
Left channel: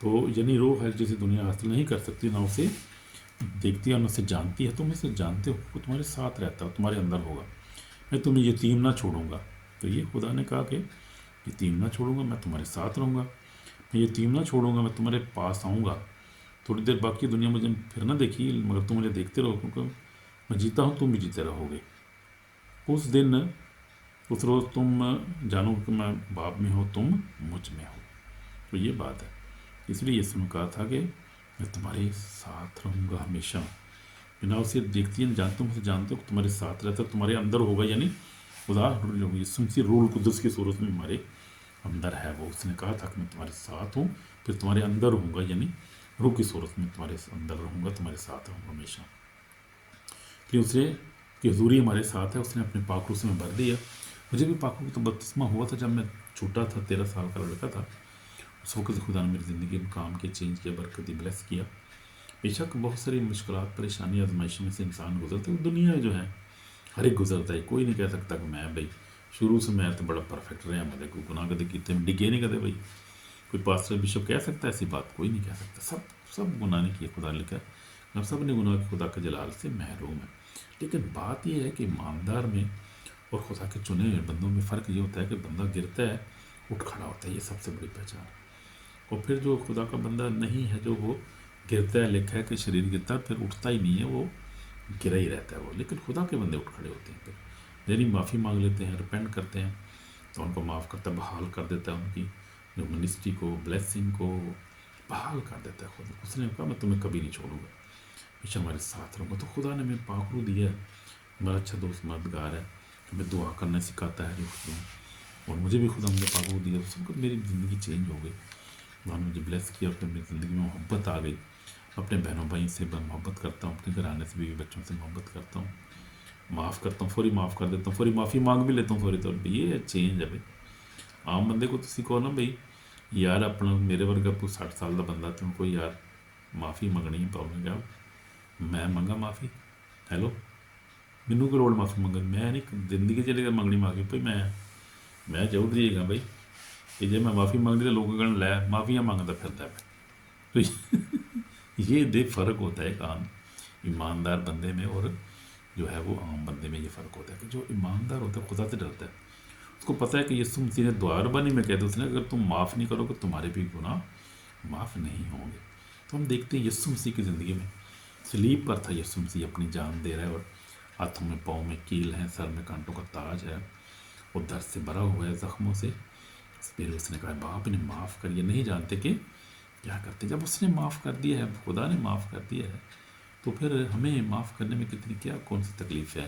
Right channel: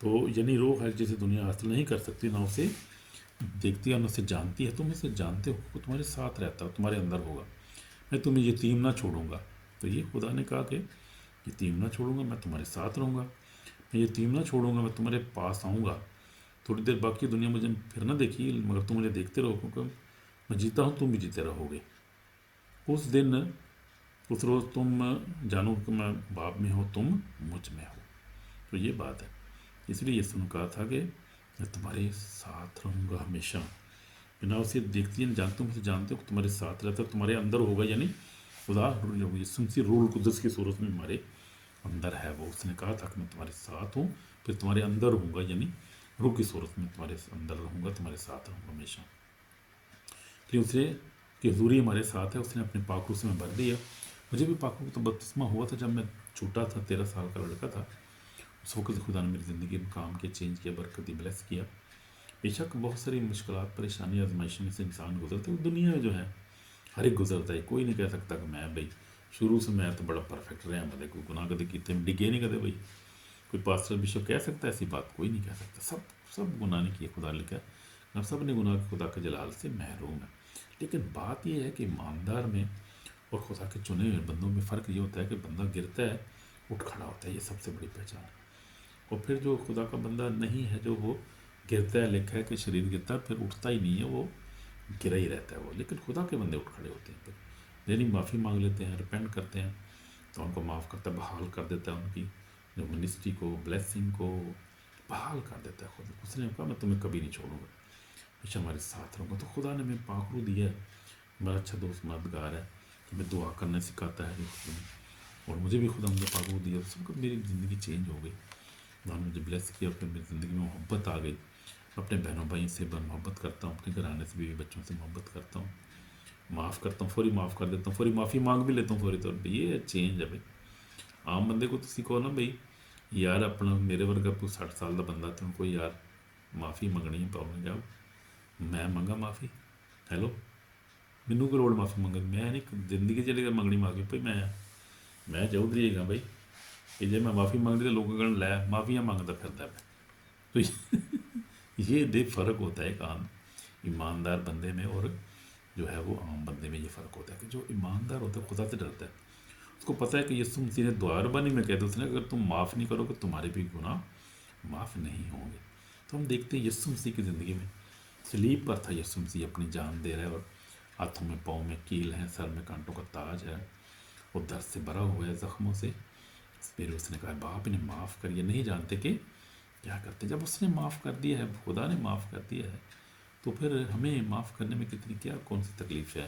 तो यानी रोह है जिसे दुनिया हासिल नहीं कर सकती, ना उसे देखती है ना उसे जानती है, तुम इसे जानते हो, वो तुम्हारे साथ रहता है, तुम्हारे अंदर होगा। मैं तुम्हें यतीम ना छोड़ूंगा। तो ये खुदा ने कहा कि यतीम ना छोड़ूंगा, मैं तुम्हारे साथ रहूँगा। मैं यतीम ना छोड़ूंगा, मैं तुम्हारे पास आऊँगा। थोड़ी देर बाकी दुनिया मुझे फिर ना देखी, मगर तुम मुझे देखते रहो, क्योंकि मैं जीता हूँ, तुम भी जीते रहोगे। उस दिन उस रोज़ तुम जानो कि मैं बाप में हो, तुम मुझ में हो। तो ये बात है, इसलिए यीशु ने कहा था कि मैं तुम्हारे साथ रहूँगा हमेशा। बिना उसे देखती है जानते हो, मुझे जानते हो, तुम्हारे साथ रहता, तुम्हारे अंदर होगा। यानी खुदा यीशु मसीह रूह कुदस की सूरत में हमारे अंदर है। वो उसने कहा था कि मैं तुम्हारे साथ हूँ, फिर तुम्हारे अंदर होऊंगा, यानी रूह की सूरत में तुम्हारे अंदर रहूँगा, तुम्हारे साथ रहूँगा हमेशा। कि उसे की हजूरी हमारे साथ है, उसने अपने पाखरू से में भर दिया। मुझे भी पाखरू तो बपतिस्मा हुआ था जब मैं छोटा था, 13 साल का लड़का था। उस वक्त खुदा ने मेरी ज़िंदगी में काम के चेंज किया, बरकती ब्लेस किया। बेशक बहुत सारी मुश्किलात, परेशानी, आजमाइशों में से इंसान गुजरते हैं। दुनिया जो है हर एक गुजरता है, कोई नहीं कह सकता कि मैं भाई शुरू से मैं तो बड़ा परफेक्ट रहा, मतलब कोई गुनाह कदे कितने डिगे नहीं कदे भाई। कोई पास्टर बिशप कह सकता है ऐसी बात? कोई नहीं कह सकता। सब गुनाह नहीं किए, खुदा लिखा है सब ने गुनाह खुदा के जलाल से महरूम है। लेकिन बात यह है कि ईमानदार में और खुदा के चुने हुए बंदों में फ़र्क ये होता है कि बंदा गिरता है, उठ खड़ा होता है, ये सबसे बड़ी पहचान। और फिर जो खुदा का बंदा नहीं है, जो वो गिरता है, लिखा है कि शरीर गिरता है, फिर उठता ही नहीं है, वो गिरा ही रहता है वो। लेकिन खुदा के बंदे उठ खड़े होते हैं, फिर मेरी माफ़ी मांग लेते हैं, रिपेंट करते हैं, तो उनको माफ़ करता है, बहाल कर देता है, उनकी जो मिनिस्ट्री को, ब्लेसिंग को बहाल कर देता है। खुदा उसने कहा मैं तुम्हें कभी नहीं छोड़ूंगा, हमेशा हमारे साथ रहूँगा। तो खुदा ने हमें पाखरू दिया है, मेरा अच्छा दोस्त मददगार है, हमें दुआ करना सिखाता है दोस्तों। और मुझे भी खुदा ने पाखरू दिया, तो सब मेरी ज़िंदगी चेंज हो गई। खुदा ने मुझे ब्लेस किया, फिर मेरी ज़िंदगी में मोहब्बत आ गई। अपने बहनों भाई से मोहब्बत करता हूँ, अपने घराने से बीवी बच्चों से मोहब्बत करता हूँ, माफ़ करता हूँ, फौरी माफ़ कर देता हूँ, फौरी माफ़ी मांग भी लेता हूँ फौरी तौर पर। ये चेंज है भाई। आम बंदे को तुसी कहो ना भाई यार अपना मेरे वर्गा कोई 60 साल का बंदा तो कोई यार माफ़ी मंगनी पाऊंगा, क्या मैं मंगा माफ़ी? हैलो, मैनू कोई लोड़ माफ़ी मंगन? मैं नहीं जिंदगी चलेगा मंगनी माफ़ी भाई। मैं चौधरी है भाई कि जे मैं माफ़ी मंगनी तो लोगों कहना लै माफ़ियाँ मंगता फिरता है। तो ये दे फ़र्क होता है आम ईमानदार बंदे में और जो है वो आम बंदे में। ये फ़र्क होता है कि जो ईमानदार होता है खुदा से डरता है, उसको पता है कि यीशु मसीह ने द्वारबानी में कहते उसने अगर तुम माफ़ नहीं करोगे तुम्हारे भी गुनाह माफ़ नहीं होंगे। तो हम देखते हैं यीशु मसीह की ज़िंदगी में सलीब पर था यीशु मसीह अपनी जान दे रहा है, और हाथों में पाँव में कील हैं, सर में कांटों का ताज है, और दर्द से भरा हुआ है, ज़ख्मों से। फिर उसने कहा बाप ने माफ़ कर, ये नहीं जानते कि क्या करते। जब उसने माफ़ कर दिया है, खुदा ने माफ़ कर दिया है, तो फिर हमें माफ़ करने में कितनी क्या कौन सी तकलीफ़ है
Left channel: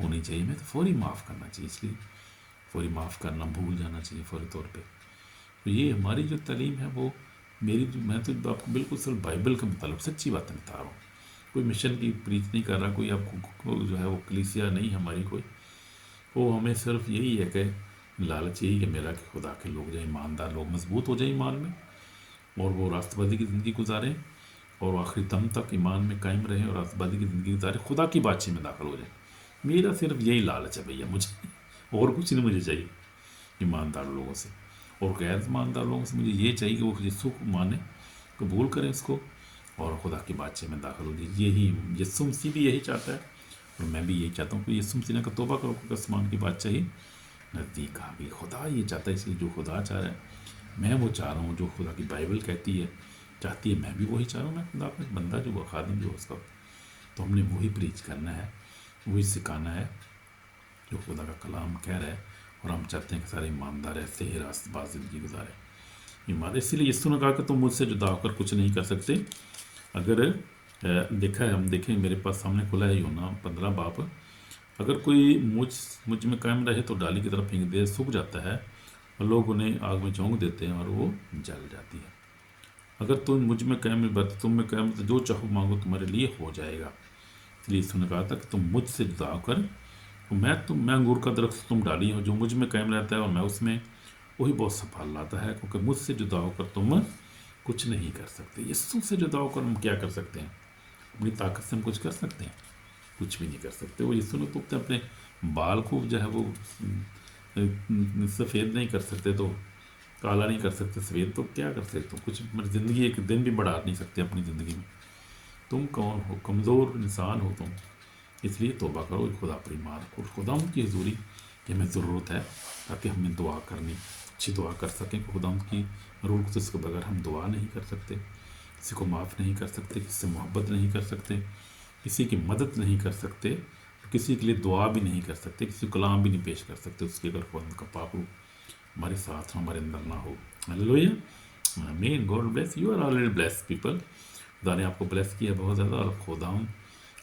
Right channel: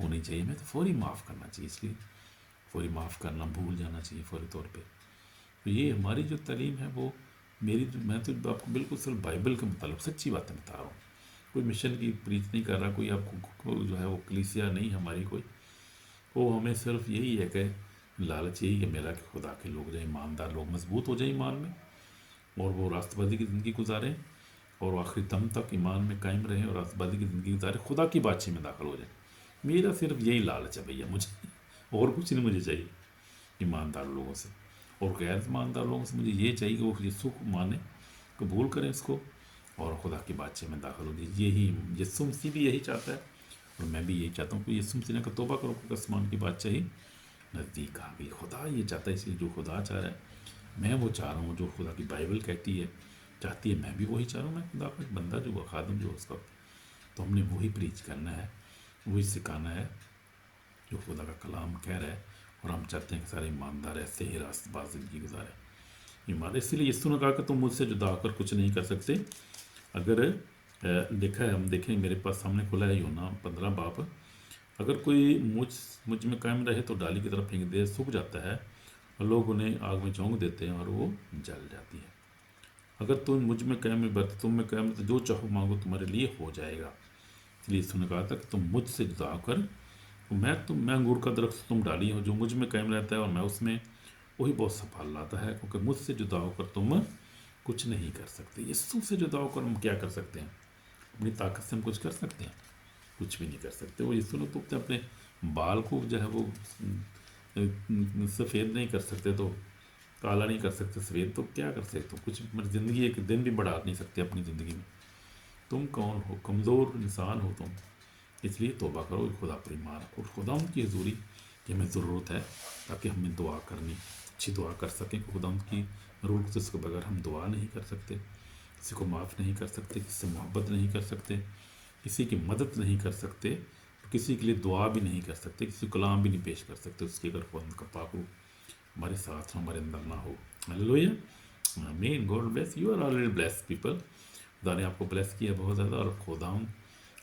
होनी चाहिए। हमें तो फौरी माफ़ करना चाहिए, इसलिए फौरी माफ़ करना, भूल जाना चाहिए फौरी तौर पे। तो ये हमारी जो तालीम है वो मैं तो आपको बिल्कुल सिर्फ बाइबल के मुताबिक सच्ची बातें बता रहा हूँ। कोई मिशन की प्रीच नहीं कर रहा, कोई आपको जो है वो कलीसिया नहीं हमारी कोई। वो हमें सिर्फ यही है कि लालच यही है मेरा कि खुदा के लोग जो ईमानदार लोग मजबूत हो जाए ईमान में, और वो राष्ट्रवादी की ज़िंदगी गुजारें, और आखिरी दम तक ईमान में कायम रहें और राष्ट्रवादी की ज़िंदगी गुजारें, खुदा की बातचीत में दाखिल हो जाए। मेरा सिर्फ यही लालच है भैया, मुझे और कुछ नहीं मुझे चाहिए ईमानदार लोगों से। और गैर ईमानदार लोगों से मुझे ये चाहिए कि वो यीशु को माने, कबूल करें इसको, और खुदा की बातचीत में दाखिल हो जाए। यही यीशु मसीह भी यही चाहता है, और मैं भी यही चाहता हूँ कि यीशु मसीह ने कहा तौबा करो क्योंकि आसमान की बादशाही नज़दीक आ गई। खुदा ये चाहता है, इसलिए जो खुदा चाह रहा है मैं वो चाह रहा हूँ, जो खुदा की बाइबल कहती है चाहती है मैं भी वही चाह रहा हूँ। मैं खुदा का बंदा जो वो खादम जो उसका, तो हमने वही प्रीच करना है, वही सिखाना है जो खुदा का कलाम कह रहा है। और हम चाहते हैं कि सारे ईमानदार ऐसे ही रास्तबाज ज़िंदगी गुजारे ईमान। इसलिए यीशु ने कहा कि तुम मुझसे जुदा होकर कुछ नहीं कर सकते। अगर देखा है, हम देखें मेरे पास सामने खुला है यूहन्ना 15 बाब। अगर कोई मुझ में कायम रहे तो डाली की तरफ फेंक दे सूख जाता है, और लोग उन्हें आग में झोंक देते हैं और वो जल जाती है। अगर तुम मुझ में कायम बरत तुम में कायम, तो जो चाहो मांगो तुम्हारे लिए हो जाएगा। इसलिए यीशु ने कहा था कि तुम मुझसे जुदा होकर, मैं अंगूर का दरख्त तुम डाली हो, जो मुझ में कायम रहता है और मैं उसमें, वही बहुत सा फल लाता है। क्योंकि मुझसे जुदा होकर तुम कुछ नहीं कर सकते। यीशु से जुदा होकर हम क्या कर सकते हैं? अपनी ताकत से हम कुछ कर सकते हैं? कुछ भी नहीं कर सकते। वो यीशु ने तो अपने बाल को जो है वो सफ़ेद नहीं कर सकते, तो काला नहीं कर सकते सफ़ेद, तो क्या कर सकते? तो कुछ ज़िंदगी एक दिन भी बढ़ा नहीं सकते अपनी ज़िंदगी में। तुम कौन हो? कमज़ोर इंसान हो तुम। इसलिए तौबा करो, खुदा पर ईमान रखो, खुदा की हजूरी की हमें ज़रूरत है, ताकि हमें दुआ करनी, अच्छी दुआ कर सकें। खुदा की रूल को इसके बगैर हम दुआ नहीं कर सकते, किसी को माफ़ नहीं कर सकते, किसी से मोहब्बत नहीं कर सकते, किसी की मदद नहीं कर सकते, किसी के लिए दुआ भी नहीं कर सकते, किसी को कलाम भी नहीं पेश कर सकते उसके अगर खुदा का पाक रूह हमारे साथ हमारे अंदर ना हो। Hallelujah, amen. God bless you, are already blessed people. खुदा ने आपको ब्लेस किया बहुत ज़्यादा, और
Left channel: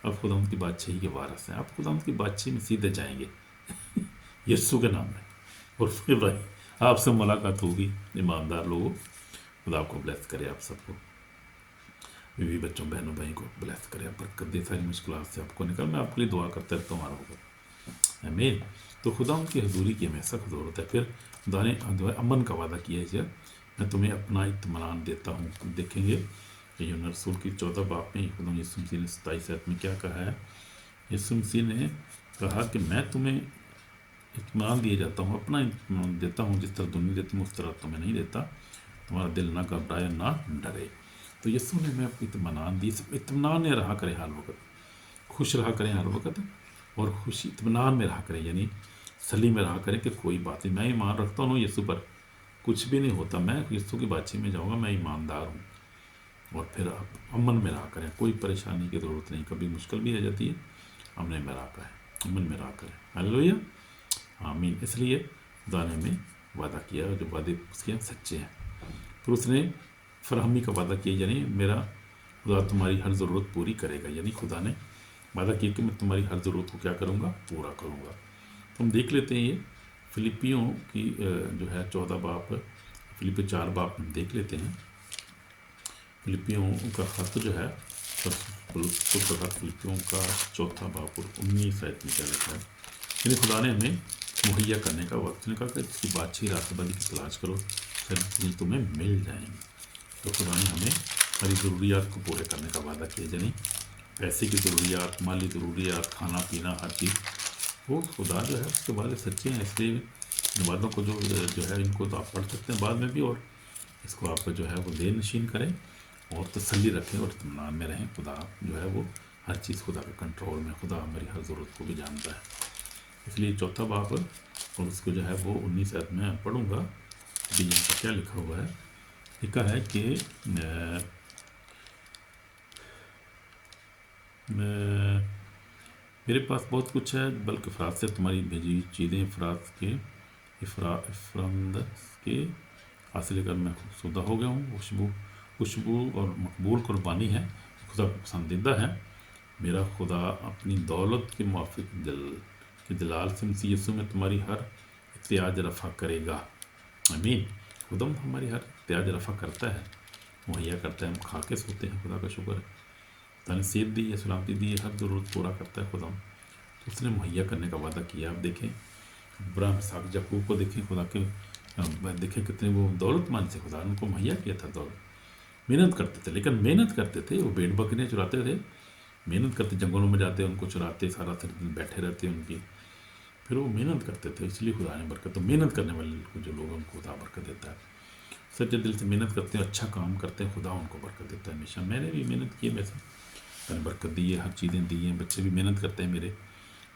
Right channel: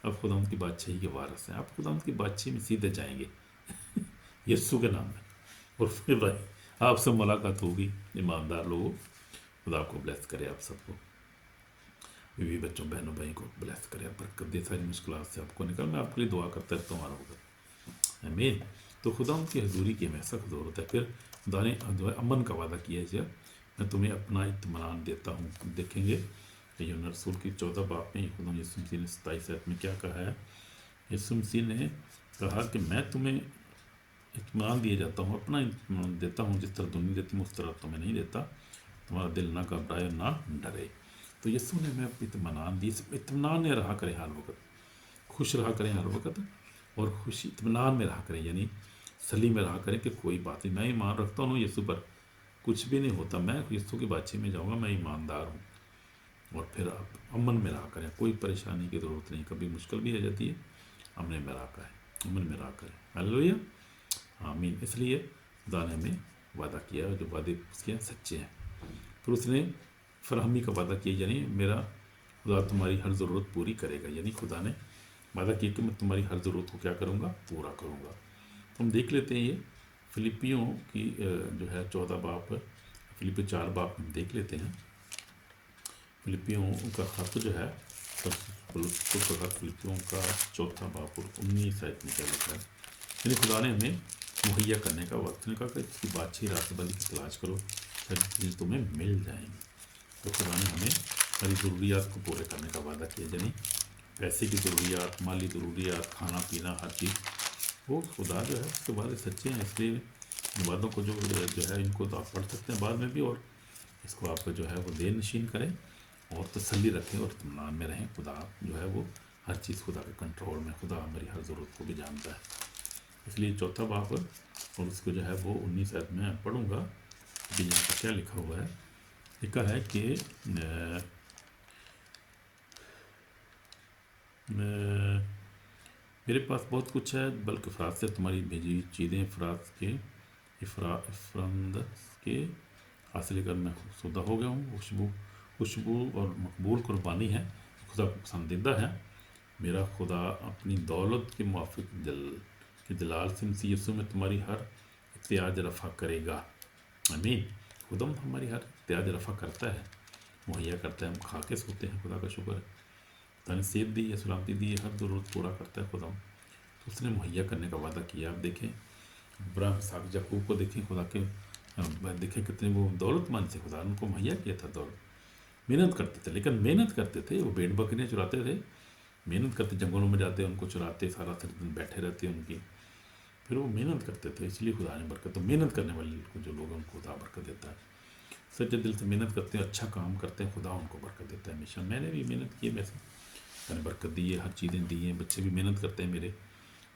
अब खुदा की बादशाही के वारस हैं। आप खुदा की बादशाही में सीधे जाएंगे यीशु के नाम में, और फिर भाई आपसे मुलाकात होगी ईमानदार लोगों। खुदा आपको ब्लेस करे, आप सबको, बीवी बच्चों बहनों भाई को ब्लेस करे, बरकत दे, सारी मुश्किल से आपको निकल। मैं आपके लिए दुआ करता रहता हूँ होगा, आमीन। तो खुदा उनकी हजूरी की हमें सख्त ज़रूरत है। फिर खुदा ने अमन का वादा किया है, मैं तुम्हें अपना इत्मीनान देता हूँ। तो देखेंगे कि यूहन्ना रसूल की 14 बाब में खुदा यीशु मसीह ने 27 आयत में क्या कहा है। यीशु मसीह ने कहा कि मैं तुम्हें इत्मीनान दिए जाता हूँ, अपना इत्मीनान देता हूँ, जिस तरह दुनिया देती हूँ उस तरह तुम्हें नहीं देता। तुम्हारा दिल ना घबराए ना डरे। तो यीशु ने हमें इत्मीनान दी, इत्मीनान में रहा करें हर वक्त, खुश रहा करें हर वक्त, और खुशी इत्मीनान में रहा करें, यानी सली में रहा करें कि कोई बात नहीं, मैं ईमान रखता हूँ यीशु पर, कुछ भी नहीं होता, मैं यीशु की बातचीत में जाऊँगा, मैं ईमानदार हूँ। और फिर आप अमन में रहा करें, कोई परेशानी की ज़रूरत नहीं, कभी मुश्किल भी आ जाती है, अमन में रहा करें, अमन में रहा करें। हालेलुया, आमीन। इसलिए खुदा ने हमें वादा किया है, जो वादे उसके सच्चे हैं। फिर उसने फरहमी का वादा किया, यानी मेरा खुदा तुम्हारी हर ज़रूरत पूरी करेगा। यानी खुदा ने वादा किया कि मैं तुम्हारी हर ज़रूरत को क्या करूँगा, पूरा करूँगा। तो हम देख लेते हैं ये फिलिपियों की जो है 14 बाब, फिलिपियों 4 बाब हम देख लेते हैं। फिलिपियों का खत जो है फिलिपियों का 4 बाब और 19 आयत में क्या लिखा है। यानी खुदा ने हमें मुहैया करने का वक्त ने कहा कि इसकी बादशाही रास्तबंदी की तलाश करो, फिर तुम्हें मिल जाएंगे। तो खुदा ने हमें सारी ज़रूरियात को पूरे करने का वादा किया, यानी पैसे की ज़रूरियात, माली ज़रूरियात, खाना पीना, हर चीज़, वो खुदा जो है उसके बाद सच्चे हैं। इसलिए इन वादों को जो है इनको तो आप पढ़ सकते हैं बाद में भी, और इसको आप जो है वो देन नशीन करें और तसल्ली रखें और इत्मीनान में रहें। खुदा जो है वो हर चीज़ खुदा के कंट्रोल में, खुदा मेरी हर ज़रूरत को भी जानता है। इसलिए 4 बाब और उसको जो है वो 19 आयत में पढ़ूँगा कि यहाँ पर क्या लिखा हुआ है। लिखा है कि मेरे पास बहुत कुछ है, बल्कि अफराद से तुम्हारी भेजी चीज़ें अफराद के हासिल कर मैं खुशनुदा हो गया हूँ। खुशबू खुशबू और मकबूल कुर्बानी है, खुदा को पसंदीदा है। मेरा खुदा अपनी दौलत के मुआफिक जलाल से मसीह यीशु में तुम्हारी हर इत्याज रफ़ा करेगा। आमीन। खुदा हमारी हर इत्याज रफ़ा करता है, मुहैया करता है, हम खा के सोते हैं, खुदा का शुक्र है। खुदा ने सेहत दी है, सलामती दी है, हर ज़रूरत पूरा करता है खुदा। तो उसने मुहैया करने का वादा किया। आप देखें इब्राहिम, इसहाक, याकूब को देखें, खुदा के देखें कितने वो दौलतमंद से, खुदा ने उनको मुहैया किया था दौलत। मेहनत करते थे, लेकिन मेहनत करते थे, वो भेड़ बकरियाँ चुराते थे, मेहनत करते, जंगलों में जाते उनको चुराते, सारा दिन बैठे रहते उनकी, फिर वो मेहनत करते थे, इसलिए खुदा ने बरकत। तो मेहनत करने वाले को जो लोग उनको खुदा बरकत देता है, सच्चे दिल से मेहनत करते हैं, अच्छा काम करते हैं, खुदा उनको बरकत देता है हमेशा। मैंने भी मेहनत की है, वैसे मैंने बरकत दी है, हर चीज़ें दी हैं, बच्चे भी मेहनत करते हैं मेरे,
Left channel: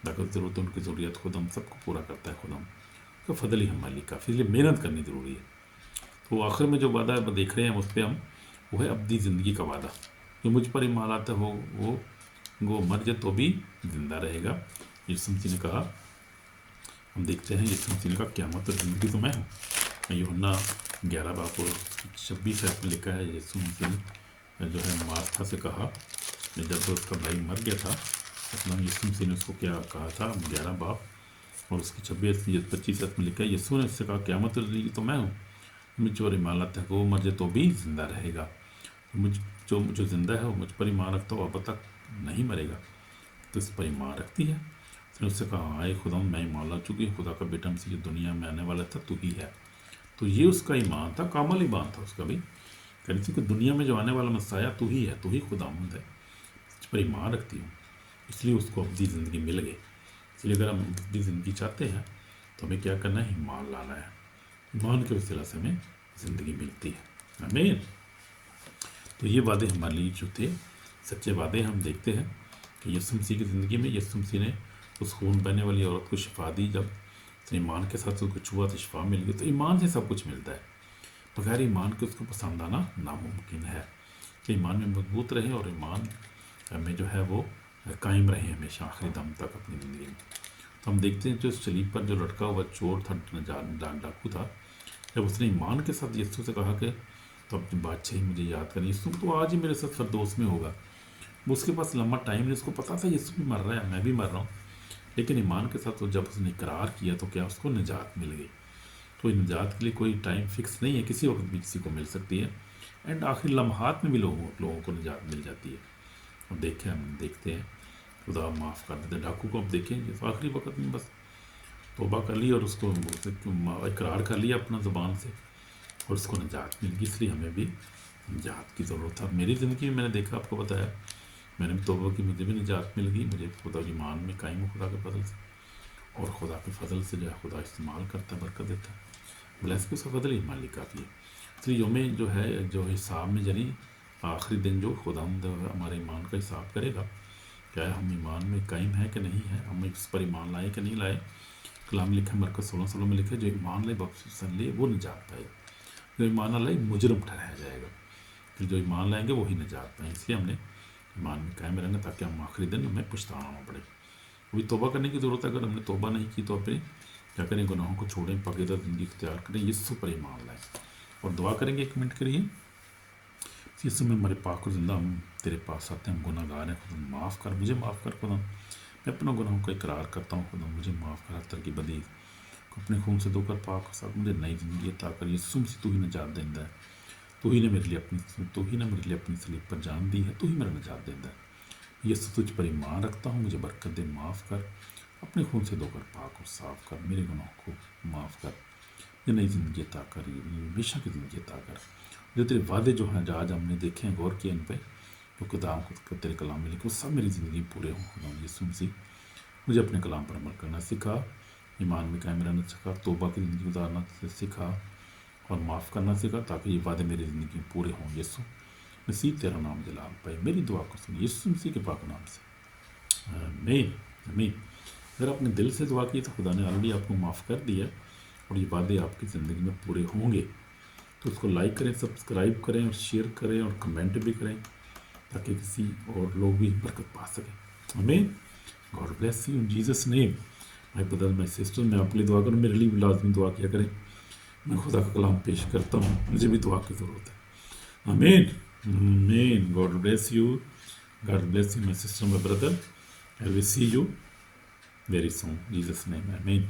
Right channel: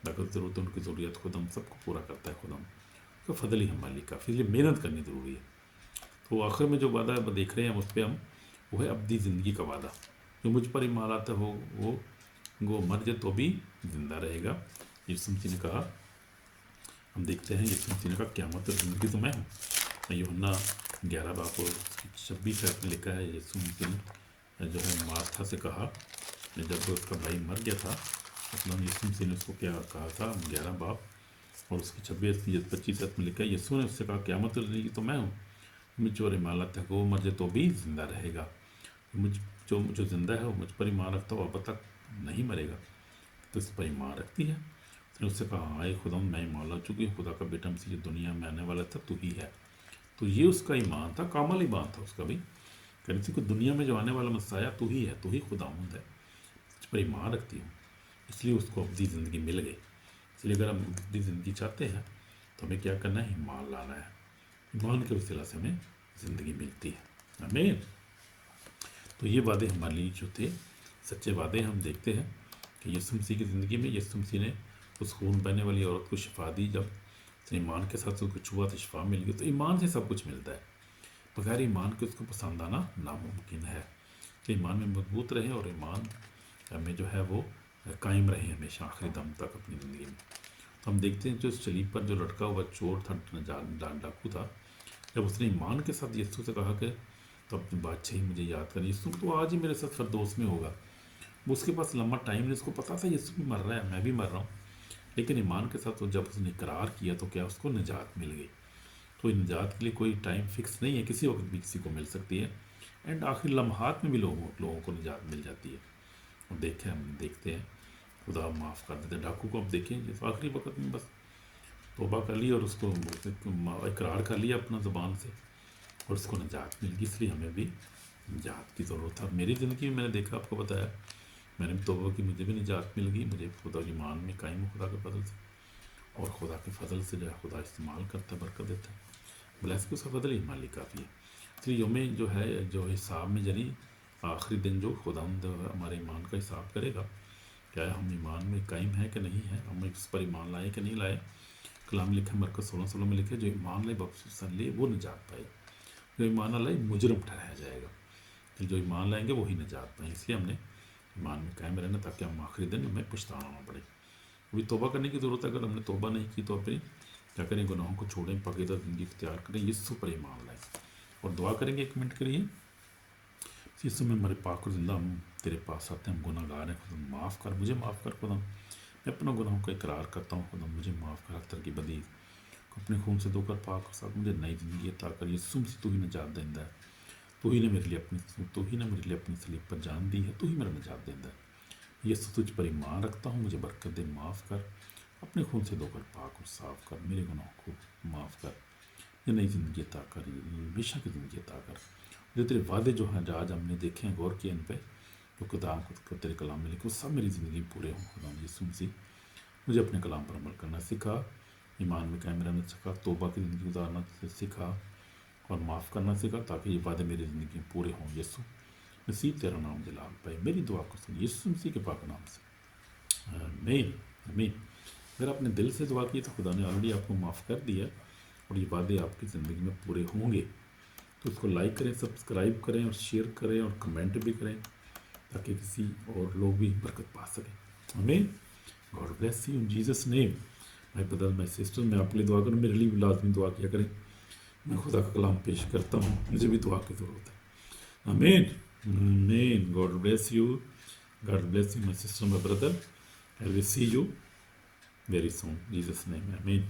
ताकत ज़रूरत उनकी ज़रूरियत खुद हम सबको पूरा करता है खुदा। तो फजल ही हमारे लिए काफ़ी, इसलिए मेहनत करनी ज़रूरी है। तो आखिर में जो वादा देख रहे हैं उस पर हम, वो है अब्दी ज़िंदगी का वादा। जो मुझ पर ईमान आता हो वो मर जाए तो भी ज़िंदा रहेगा। यीशु मसीह ने कहा, हम देखते हैं यीशु मसीह ने कहा, क़यामत और ज़िंदगी तो मैं हूँ। यूहन्ना 11:26 में लिखा है, यीशु मसीह ने जो है मार्था से कहा, जब उसका भाई मर गया था, अपना यीशु मसीह ने उसको क्या कहा था, 11 और उसकी 26-25 में लिखा है, यीशु ने उससे कहा, क़यामत और ज़िंदगी तो मैं हूँ, मुझ पर ईमान रखता है वो मर जाए तो भी ज़िंदा रहेगा। जो ज़िंदा है वो मुझ पर ईमान रखता हो, अब तक नहीं मरेगा, तो इस पर ईमान रखती है। उसने उससे कहा, आए खुदा, मैं ईमान ला चुकी हूँ, खुदा का बेटा मसीह दुनिया में आने वाला था, तू ही है। तो ये उसका ईमान था, कामल ईमान था उसका भी, कहती कि दुनिया में जो आने वाला मसाया तू ही है, तू ही खुदावंद है, इस पर ईमान रखती हूँ, इसलिए उसको अब्दी ज़िंदगी मिल गई। इसलिए अगर हम अब्दी ज़िंदगी चाहते हैं तो हमें क्या करना है, ईमान लाना है। ईमान के वसीला से हमें ज़िंदगी मिलती है। आमीन। तो ये वादे हमारे लिए जो थे सच्चे वादे, हम देखते हैं कि यीशु मसीह की ज़िंदगी में यीशु मसीह ने उस खून बहने वाली औरत को शिफा दी। जब उसने ईमान के साथ उसको छुआ तो शिफा मिल गई। तो ईमान से सब कुछ मिलता है, बगैर ईमान के उसको पसंद आना नामुमकिन है। तो ईमान में मजबूत रहे और ईमान में जो है वो कायम रहे हमेशा आखिरी दम तक अपनी ज़िंदगी में। तो हम देखते हैं जो सलीब पर जो लटका हुआ चोर था, डाकू था, जब उसने ईमान के साथ यीशु से कहा कि तो अपनी बादशाही मुझे याद करें, यीशु तो आज ही मेरे साथ फरदौस में होगा। वो उसके पास लंबा टाइम नहीं, उसको पता था यीशु भी मर रहा है, मैं भी मर रहा हूँ, लेकिन ईमान के साथ तो जब उसने इकरार किया तो क्या उसको निजात मिल गई। तो निजात के लिए कोई टाइम फिक्स नहीं है, किसी वक्त भी किसी को मिल सकती है, एंड आखिर लम्हात में भी लोगों को निजात मिल जाती है। और हम देखते हैं खुदा माफ़ कर देते। डाकू को अब देखें जिस आखिरी वक्त में बस तौबा कर ली और उसको इकरार कर लिया अपना ज़ुबान से और उसको निजात मिल गई। इसलिए हमें भी निजात की ज़रूरत है। मेरी ज़िंदगी में मैंने देखा, आपको पता है, मैंने भी तौबा की, मुझे भी निजात मिल गई। मुझे खुदा की ईमान में कायम हूँ खुदा के फजल से, और खुदा के फजल से जो है खुदा इस्तेमाल करता है, बरकत देता है, ब्लेस के उसका फजल ही हमारे लिए काफ़ी है। इसलिए योमें जो है, जो हिसाब में जनी आखिरी दिन जो खुदा हमारे ईमान का हिसाब करेगा, क्या हम ईमान में कायम है कि नहीं है, हम इस पर ईमान लाए कि नहीं लाए। कलाम लिखा मरकज़ 16 में लिखे, जो ईमान ले बख्शिश ले वो निजात पाए, जो ईमान ना लाए मुजरिम ठहराया जाएगा। तो जो ईमान लाएंगे वही निजात पाए। इसलिए हमने ईमान में कायम रहना, ताकि हम आखिरी दिन हमें पछताना ना पड़े। अभी तौबा करने की ज़रूरत है। अगर हमने तौबा नहीं की तो फिर क्या करें, गुनाहों को छोड़ें, पकीदा ज़िंदगी इख्तियार करें, यीशु पर ईमान लाएं और दुआ करेंगे। एक मिनट के लिए, यीशु में हमारे पाक और जिंदा, हम तेरे पास आते हैं, हम गुनाहगार हैं, खुदा माफ़ कर, मुझे माफ़ कर खुदा, मैं अपना गुनाहों का इकरार करता हूँ खुदा, मुझे माफ़ कर, हर तरह की बदी को अपने खून से धोकर पाक और साफ, मुझे नई ज़िंदगी अता कर। यीशु मसीह तू ही निजात देंदा है, तू ही ने मेरे लिए अपनी सलीब पर जान दी है, तू ही मेरा निजात देंदा है। यीशु तुझ पर ईमान रखता हूँ, मुझे बरकत दे, माफ़ कर, अपने खून से धोकर पाक और साफ कर, मेरे गुनाहों को माफ़ कर, ये नई ज़िंदगी अता कर, हमेशा की ज़िंदगी अता कर। जो तेरे वादे जो हैं आज हमने देखे हैं, गौर किए इन पर, जो किताब को तेरे कलाम में लिखे, वो सब मेरी ज़िंदगी पूरे हों खुदा। यीशु मसीह मुझे अपने कलाम पर अमल करना सिखा, ईमान में कायम रहना सिखा, तौबा की ज़िंदगी गुजारना सिखा और माफ़ करना सिखा, ताकि ये वादे मेरी ज़िंदगी में पूरे हों। यीशु मसीह तेरा नाम जलाल पाए, मेरी दुआ को सुन यीशु मसीह के पाक नाम से, आमीन आमीन। अगर आपने दिल से दुआ की तो खुदा ने ऑलरेडी आपको माफ़ कर दिया और ये वादे आपकी ज़िंदगी में पूरे होंगे। तो उसको लाइक करें, सब्सक्राइब करें और शेयर करें और कमेंट भी करें, ताकि किसी और लोग भी बरकत पा सकें। आमीन। God bless you in Jesus name. My brother my sister, मैं आपके लिए दुआ करूँ, मेरे लिए भी लाजमी दुआ किया करें। मैं खुदा का कलाम पेश करता हूँ, मुझे भी दुआ की ज़रूरत है। Amen. Amen. God bless you. God bless you, my sister, my brother. I will see you very soon. In Jesus' name. Amen.